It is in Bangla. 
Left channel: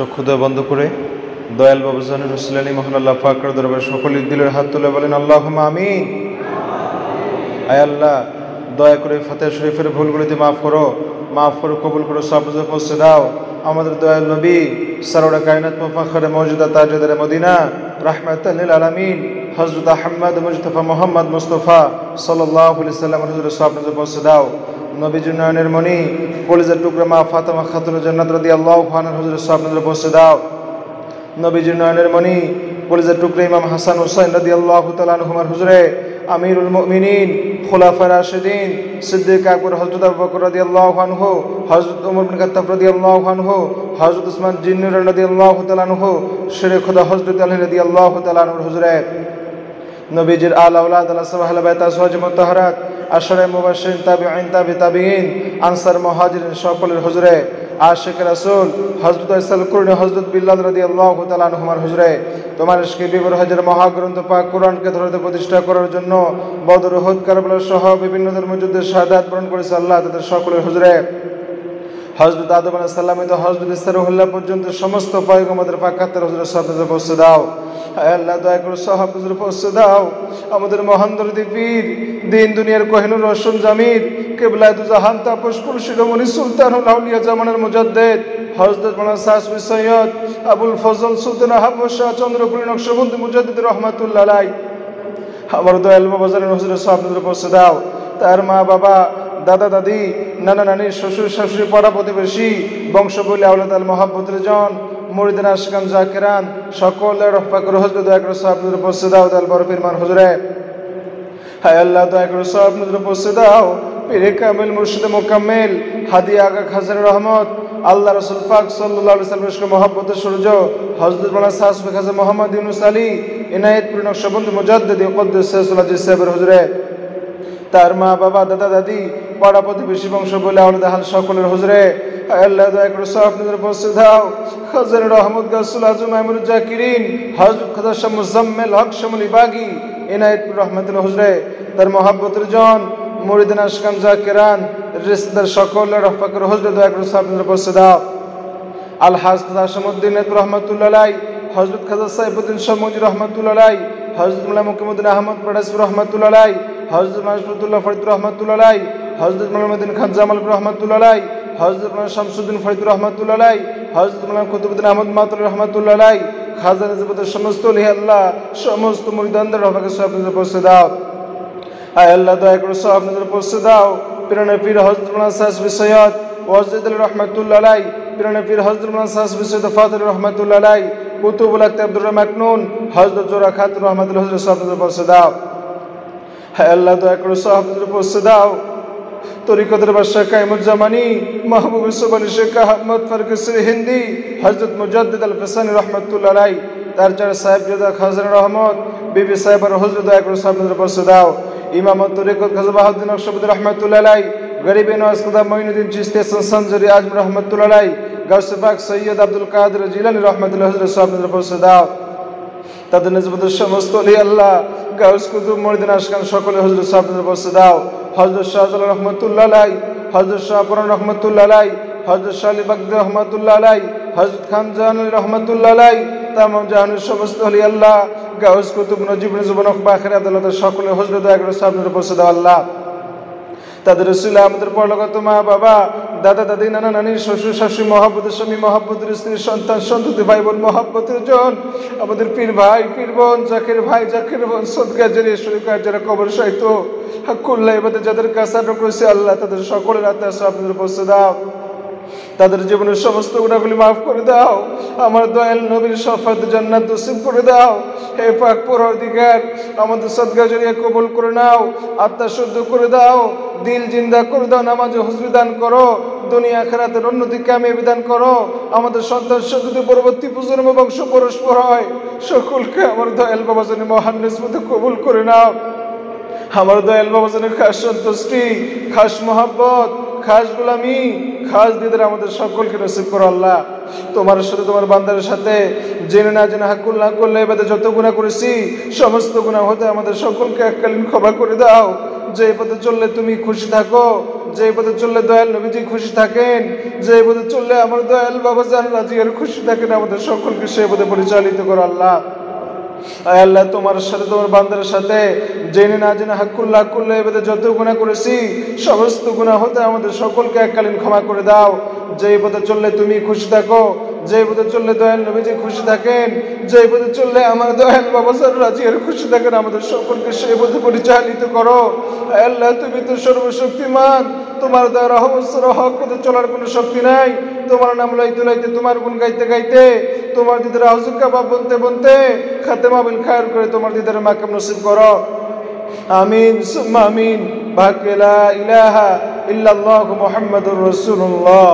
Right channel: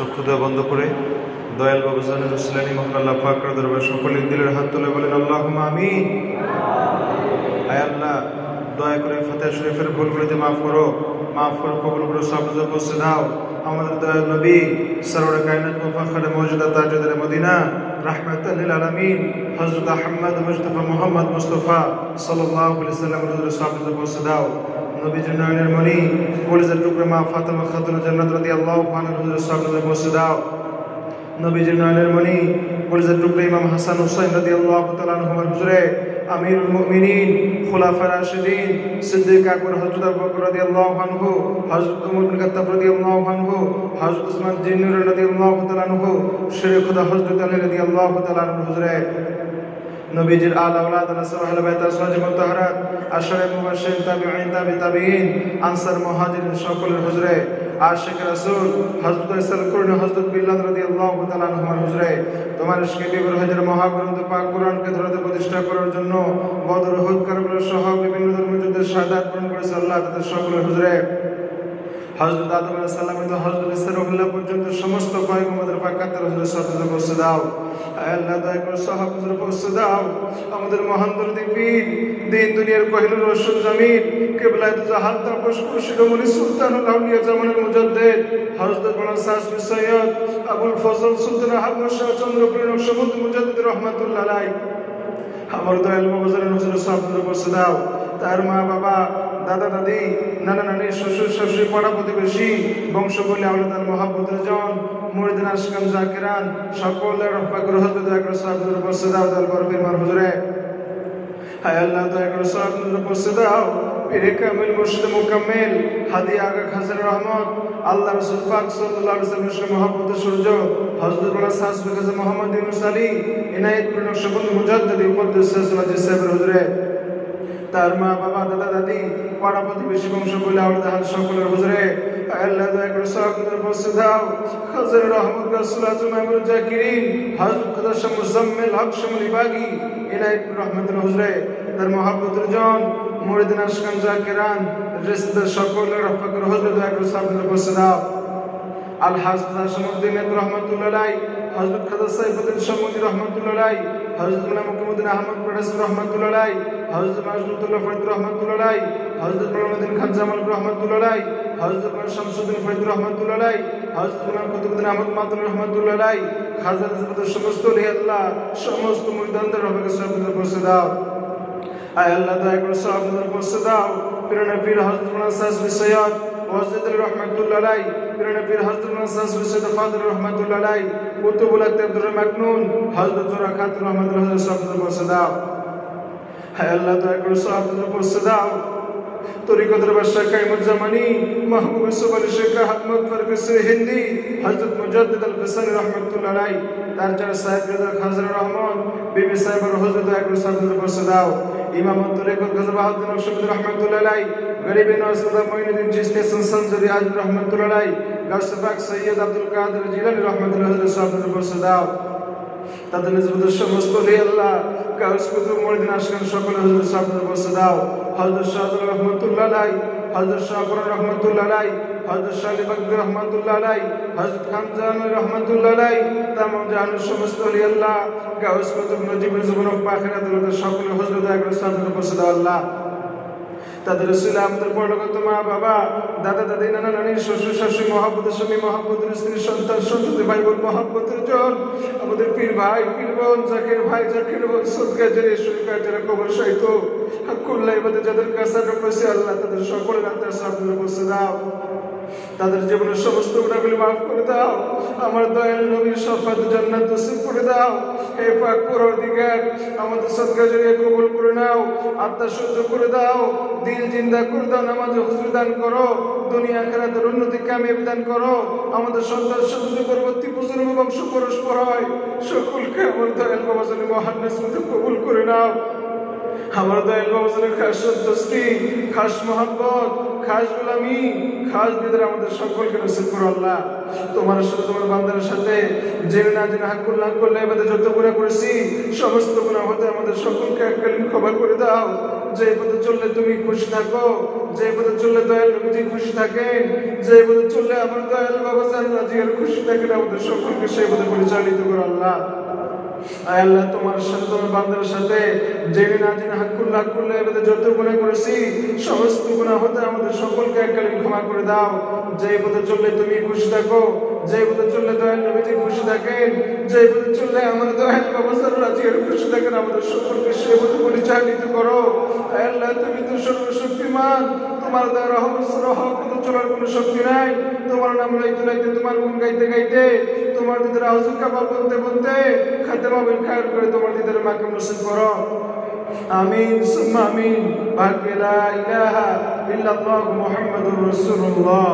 চক্ষুদয় বন্ধ করে দয়াল বাবুজান মুসলিনী মহান আল্লাহ পাকের দরবারে সকলের দিলের হাত তুলে বলেন আল্লাহুম্মা আমিন। আয় আল্লাহ, দয়া করে ফাতিহা শরীফের ভুলগুলোতে মাফ করো, কবুল করো, সব পৌঁছে দাও। আমাদের দয়াল নবী সরওয়ারে কায়নাত মুফাখখারে মওজুদা তাজদারে মদিনা রাহমাতাল লিল আলামিন হযরত আহমদ মুস্তাফা মুহাম্মদ মুস্তাফা সাল্লাল্লাহু আলাইহি ওয়াসাল্লাম রাসূলের সব পৌঁছে দাও। নবীর নয়নের মণি কলিজার টুকরা মা ফাতেমা খাতুন জান্নাত রাদিয়াল্লাহু আনহা হুজুরের সব পৌঁছে দাও। নবীর নয়নের মণি কলিজার টুকরা ইমাম হাসান হুসাইন রাদিয়াল্লাহু তাআলা আনহুমার হুজুরে আমিরুল মুমিনিন খুলাফা রাশিদিন সিদ্দিক আকবর হযরত আবু বকর রাদিয়াল্লাহু আনহু, হযরত ওমর বিন খাত্তাব রাদিয়াল্লাহু আনহু, হযরত উসমান জিন্নুর রাদিয়াল্লাহু তাআলা আনহু, শেরে খোদা হযরত আলী রাদিয়াল্লাহু তাআলা আনহুর হুজুরে নবীজির আলা আওলাদ আহলে বাইত আজওয়াজ মুতাহহারাত আশরে মুবাশশিরিন তাবিঈন তাবিঈন আনসার মুহাজিরিন সকলের হুজুরে আশিক রাসূল হযরত ইসলাম কুরআন হযরত বিল্লাল রাদিয়াল্লাহু তাআলা আনহুমার হুজুরে তোমার ইশকে বিবর হাজার মহাগ্রন্থ পাক কোরআনকে ধরে প্রতিষ্ঠা করার জন্য বদর উহুদ কারবালা সহ বিভিন্ন ধর্মযুদ্ধে শাহাদাত বরণ করেছে আল্লাহ তাদের সকলের হুজুরে হযরত আদম আলাইহিস সালাম থেকে হযরত ঈসা রুহুল্লাহ পর্যন্ত সমস্ত পয়গম্বরদের পাক খাতের হুজুরের সাথে পৌঁছে দাও। আয় আল্লাহ, দয়া করে সাহাব হুজুর পৌঁছে দাও। আমাদের মহান দরদি পীর দিন দুনিয়ার কোহিনুর রসুল জামির কিবলায়ে দু জাহান তাপস শিরোমণি সুলতানুল আউলিয়া জামানের মুজাদ্দিদ হযরত মাওলানা সাসবি সৈয়দ আবুল ফজল সুলতান আহমদ শাহ চন্দ্রপুরী নকশবন্দি মুজাদ্দিদ রাহমাতুল্লাহ আলাইহি আমার দয়াল বাবাজানের হুজুরের সাহাব হুজুর পৌঁছে দাও। তার মা বাবা, দাদা দাদি, নানা নানি, শ্বশুর শাশুড়ি, পাড়া প্রতিবেশী, বংশবলী, আওলাদ আল মহাব্বতের জন, মুরিদিন আশকান জাকিরান সকলের পাকের হযরত দয়া করে সাহাব হুজুর পৌঁছে দাও। দয়াল বড় পীর মান হুজুরে হায় আল্লাহ, দয়া করে সাহাব হুজুর পৌঁছে দাও। পীরে কামিল মুর্শিদ মুকাম্মিল হাদি আগা খাজর রহমত আল্লাহ রাসূল পাক সাল্লাল্লাহু আলাইহি ওয়াসাল্লামের মহব্বতের সূর্য হযরত মাওলানা সাসবি খাজা মুহাম্মদ ইউনুস আলী ইনায়েতপুর নকশবন্দি মুজাদ্দিদ কুদ্দুস সাল্লাল্লাহু আলাইহি হুজুরে তার মা বাবা, দাদা দাদি, পাড়া প্রতিবেশী, বংশ বলে আওলাদ আহল সকলের হুজুরে আল্লাহ, দয়া করে সাহাব হুজুর পৌঁছে দাও। খাজর রহমত গাসুল আজম মামুন জাকিরিন হযরত খাজা শাহ মুজাম্মিল হক শামুলি বাগী ইনায়েতপুর রহমাতুল্লাহ হুজুরে তার মহব্বতের জন মুরিদিন আশকান জাকিরান রিশদার সকলের পাকের হুজুর দয়া করে সাহাব হুজুর পৌঁছে দাও। আল হাসন আশমুদ্দিন রহমাতুল্লাহ আলাইহি হযরত খাজা সাইফুদ্দিন শামুজি রহমাতুল্লাহ আলাইহি হযরত মাওলানা মুকিমউদ্দিন আহমদ পরাস রহমাতুল্লাহ আলাইহি হযরত মাসউদুল্লাহ ফরিদ রহমাতুল্লাহ আলাইহি হযরত মাওলানা খান জামাল রহমাতুল্লাহ আলাইহি হযরত মাওলানা শামসুদ্দিন ফরিদ রহমাতুল্লাহ আলাইহি হযরত মাওলানা কুতুবউদ্দিন আহমদ মাতুল রহমাতুল্লাহ আলাইহি খাজা নিজামুদ্দিন সমস্ত ওলি আল্লাহ সমস্ত মুরিদানদের রহমতে সাহাব হুজুর পৌঁছে দাও। আয় আল্লাহ, দয়া করে সাহাব হুজুর পৌঁছে দাও। পীরনে পীর হযরত মাওলানা সাসবি সৈয়দ ওয়াজিদ আলী রহমাতুল্লাহ আলাইহি পীরনে পীর হযরত মাওলানা সাসবি সৈয়দ ফাদিল রহমাতুল্লাহ আলাইহি কুতুবুল আব্দুর মাকনুন হযরত জোরা খাতুন রহমাতুল্লাহ হুজুর সাহাব হুজুর পৌঁছে দাও। হায় আল্লাহ, দয়া করে সাহাব হুজুর পৌঁছে দাও। তরিকতের বাদশা কায়েমুজ্জামানি মাহবুব ইউসুফ আলী শেখ আহমদ ফারুকী হিন্দি হযরত মুজাদ্দিদ আল ফিসানি রহমাতুল্লাহ আলাইহি তার যার সাহেব জাদা খাজর রহমত বিবি সাহেবের হুজুর দয়া করে সাহাব হুজুর পৌঁছে দাও। ইমামত তরিকত খাজা বাহাউদ্দিন নকশবন্দি রহমাতুল্লাহ আলাইহি গরিবে নওয়াজ খাজা মুঈনুদ্দিন চিশতি সনসনজরি আজম রহমাতুল্লাহ আলাইহি গাউসে পাক সৈয়দ আব্দুল কাদের জিলানী রহমাতুল্লাহ হুজুর সাহাব হুজুর পৌঁছে দাও। তাদের নিসবতের সমস্ত ওলি আল্লাহ গাউস কুতুব মুরিদিন আশকান সকলের হুজুর সাহাব হুজুর পৌঁছে দাও। হযরত শাহজালাল রহমাতুল্লাহ আলাইহি হযরত শাহ বুরহান রহমাতুল্লাহ আলাইহি হযরত শাহ আলী বাগদাদী রহমাতুল্লাহ আলাইহি হযরত খান জাহানী রহমাতুল্লাহ আলাইহি তামাম জাহানের সমস্ত ওলি আল্লাহ গাউস কুতুব নজিব জুবান আখির আদালতের সকলের হুজুর দয়া করে সাহাব হুজুর পৌঁছে দাও। আল্লাহ, তাদের রাসূল আমাদের পরলোকগত মা বাবা, দাদা দাদি, নানা নানি, শ্বশুর শাশুড়ি, মহব্বতের স্বামী, মহব্বতের স্ত্রী, সন্তান সন্ততি, ভাই বোন, মহব্বতের জন, আমাদের পীর ভাই, পীর বোন, জাকির ভাই, জাকির বোন, সদকা জারি শরীকার যারা কবর সাহিত্য হাক্কুল্লাহ ইবাদত যাদের কাছে আটক রয়েছে আল্লাহ তাদের সকলের আত্মার সাহাব হুজুর পৌঁছে দাও। তাদের জীবনের সমস্ত গুনাহগুলি মাফ করে দাও। আমার দয়াল নবীর শাফাত জান্নাত নসিব করে দাও। হে পাক পরওয়ারদিগার, আমাদের সদকা জারিয়া কবুল করে নাও, আত্মা শুদ্ধ করে দাও, দিল জিন্দা করে দাও, নামাজে হুজুরি দান করো, দুনিয়া আখিরাতের উন্নতি কামিয়াবি দান করো। আমাদের সন্তান সন্ততি পরবর্তী প্রজন্ম বংশ পরস্পর হয় সকলকে আমার দয়াল বাবাজানের মহান নিসবতে কবুল করে নাও। আমার দয়াল বাবাজানের খাস সন্তুষ্টি, খাস মহব্বত, খাস গোলামি, খাস দিদার আমাদের সকলকে নসিব করো। আল্লাহ, তোমার সাথে তোমার বান্দার সাথে জেনে না জেনে হাকুল না করলে এবারে যত গুনাহ করেছি সমস্ত গুনাহ হতে আমাদের সকলকে এককালীন ক্ষমা করে দাও। যে পথে চললে তুমি খুশি থাকো, যে পথে চললে দয়াল নবীজি খুশি থাকেন, যে পথে চললে আমার দয়াল বাবা জান্নাত জিয়ার খুশি থাকেন, আমাদের সকলকে সেই পথে পরিচালিত করো আল্লাহ। আয় আল্লাহ, তোমার সাথে তোমার বান্দার সাথে জেনে না জেনে হাক্কুল্লাহ করলে এবারে যত গুনাহ করেছি সমস্ত গুনাহ হতে আমাদের সকলকে এককালীন ক্ষমা করে দাও। যে পথে চললে তুমি খুশি থাকো, যে পথে চললে দয়াল নবীজি খুশি থাকেন, যে পথে চললে আমার দয়াল বাবা রাজিয়ার খুশি থাকেন, আমাদের সকলকে সেই পথে পরিচালিত করো। আয় আল্লাহ, তুমি তো সর্বশক্তিমান, তোমার দ্বারা হক পথে চলার কোনো শক্তি নাই। তোমার নাম লইতে লইতে, তোমার গুণ গাইতে গাইতে, তোমার দিদার আউযু কাবা বলতে বলতে খাতেমা বিল খায়র করে তোমার দিদার মাকাম নসিব করো। আমিন সুম্মা আমিন। বাকি লা ইলাহা ইল্লাল্লাহু মুহাম্মাদুর রাসূলুল্লাহ।